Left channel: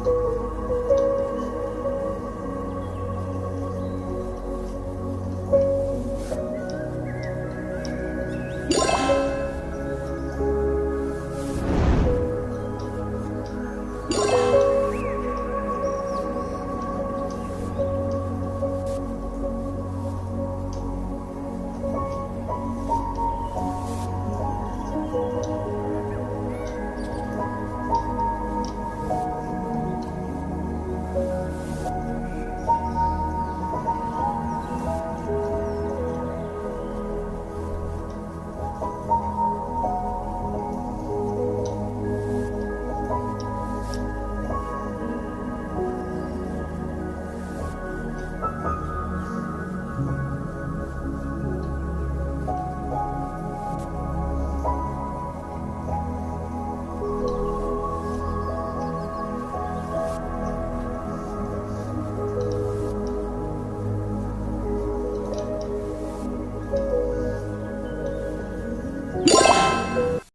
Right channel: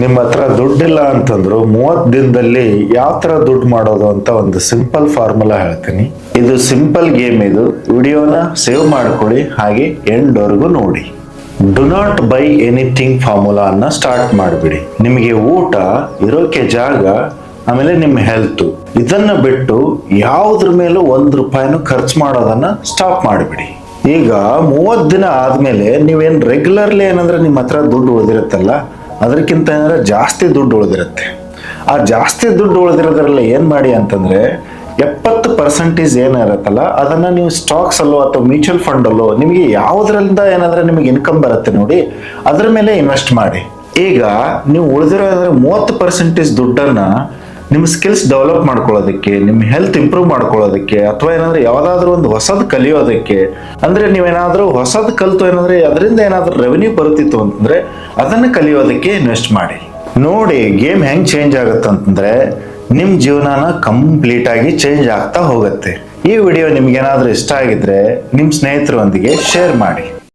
ನಿಮ್ಮ ಹತ್ರ ದುಡ್ಡಿಲ್ಲ ಅಂತಂದ್ರು ಮೂವತ್ತು ದಿನದಲ್ಲಿ ಯಾವ ಥರ ದುಡ್ಡು ಮಾಡೋದು ಅಂತ ಒಂದು ಸಿಂಪಲ್ ಫಾರ್ಮುಲಾ ಹೇಳ್ತೀನಿ. ಇದು ಸಿಂಪಲ್ ಗೇಮ್ ಇದು. ವಿಡಿಯೋನ ಸೇವ್ ಮಾಡ್ಕೊಳ್ಳಿ. ಹಾಗೆ ಎಂಡ್ವರೆಗೂ ನೋಡಿ. Do not buy anything formula ಅನ್ನ ಸ್ಟಾರ್ಟ್ ಮಾಡಿಬಿಡಿ. ನಿಮಗೆ ಊಟ, ಇರೋಕೆ ಜಾಗ, ಆಮೇಲೆ ನಿಮ್ಮ ಹೆಲ್ತ್ ಇದನ್ನ ಬಿಟ್ಟು ಯಾವುದ್ರ ಮೇಲೂ ಒಂದು ರೂಪಾಯಿನೂ ಖರ್ಚು ಮಾಡೋದನ್ನ ಸ್ಟಾಪ್ ಮಾಡಿಬಿಡಿ. ಈಗ ಮೂವತ್ತು ದಿನ ಆದ್ಮೇಲೆ ನೀವೇನು ರೆಗ್ಯುಲರ್ಲಿ ಏನಂದ್ರೆ ನಿಮ್ಮ ಹತ್ರ ದುಡ್ಡು ಉಳಿದಿರುತ್ತಲ್ಲ ಅದಕ್ಕಿಂತ ಏನಂದ್ರೆ ಜಾಸ್ತಿ ದುಡ್ಡು ಉಳಿದಿರುತ್ತೆ. ಆ ಜಾಸ್ತಿ ದುಡ್ಡು ಉಳಿದಿರೋದ್ರಲ್ಲಿ ಏನು ಮಾಡಿ ಅಂತಂದ್ರೆ ಎಪ್ಪತ್ತು ಪರ್ಸೆಂಟೇಜ್ ಏನಿರುತ್ತಲ್ಲ ಅದನ್ನ ನೀವು ಸ್ಟಾಕ್ಸ್ ಅಲ್ಲೋ ಅಥವಾ ಮ್ಯೂಚುವಲ್ ಫಂಡ್ ಅಲ್ಲೋ ನಿಮಗೆ ಯಾವುದರಿಂದ ಏನಂದ್ರೆ ನಿಮಗೆ ಇನ್ಕಮ್ ಬರುತ್ತೆ ನೋಡಿ, ಅದ್ರ ಮೇಲೆ ಇನ್ವೆಸ್ಟ್ ಮಾಡಿ. ಈಗ ನೀವು ಉಳಿದಿರೋ ಮೂವತ್ತು ಪರ್ಸೆಂಟೇಜ್ ದುಡ್ಡನ್ನ ನಿಮ್ಮ ಸ್ಕಿಲ್ಸ್ ಡೆವಲಪ್ ಮಾಡ್ಕೊಳ್ಳೋದಕ್ಕೆ, ನಿಮ್ಮ ಹೆಲ್ತ್ ಇಂಪ್ರೂವ್ ಮಾಡ್ಕೊಳ್ಳೋದಕ್ಕೆ, ಅಥವಾ ಏನಂದ್ರೆ ಯಾವ್ದಾದ್ರು ಒಂದು ಹೊಸದು ಕಲಿಯೋದಕ್ಕೆ, ಅಂದ್ರೆ ನೀವೇನಾದ್ರೂ ಹೊಸದು ಕಲಿತು ಏನಂದ್ರೆ ಅದರಿಂದ ಏನಾದರೂ ರೆವೆನ್ಯೂ ಬರುತ್ತಿತ್ತು ಅಂತಂದ್ರೆ ಅದನ್ನ ಕಲಿಯೋದಕ್ಕೆ ಇನ್ವೆಸ್ಟ್ ಮಾಡಿ. ನೋಡಿ ಗೇಮ್ ಹೆಂಗ್ ಚೇಂಜ್ ಆಗುತ್ತೆ ಅಂತಂದ್ರೆ ನಿಮ್ ಜೀವನನ ಕಂಪ್ಲೀಟ್ ಆಗಿ ಚೇಂಜ್ ಆಗ್ತಾ ಹೋಗುತ್ತೆ. ಈ ವಿಡಿಯೋ ನಿಮ್ಗೆ ಏನಾದ್ರೂ ಇಷ್ಟ ಆಗಿದ್ರೆ ನಿಮ್ ಸ್ನೇಹಿತರೊಂದಿಗೆ ಶೇರ್ ಮಾಡಿ.